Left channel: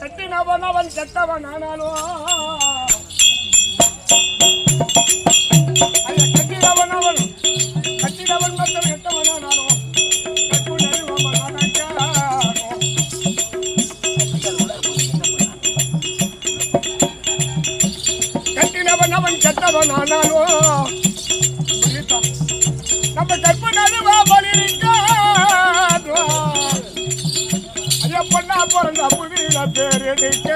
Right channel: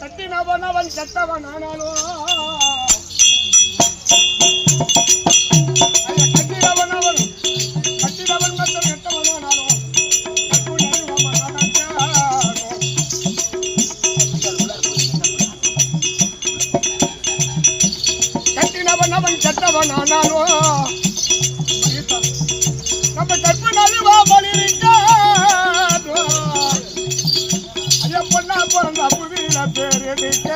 கட்டினவன் கெட்டவன் ஆனாலும் கட்டினவன் மட்டும் கெட்டவன் ஆனாலும் கட்டினவன் அவன் கெட்டவன் ஆனாலும் நம்ம கற்பு நழுவா பலிருக்க பொண்ணா பிறந்த புதியில பேர் எடுக்க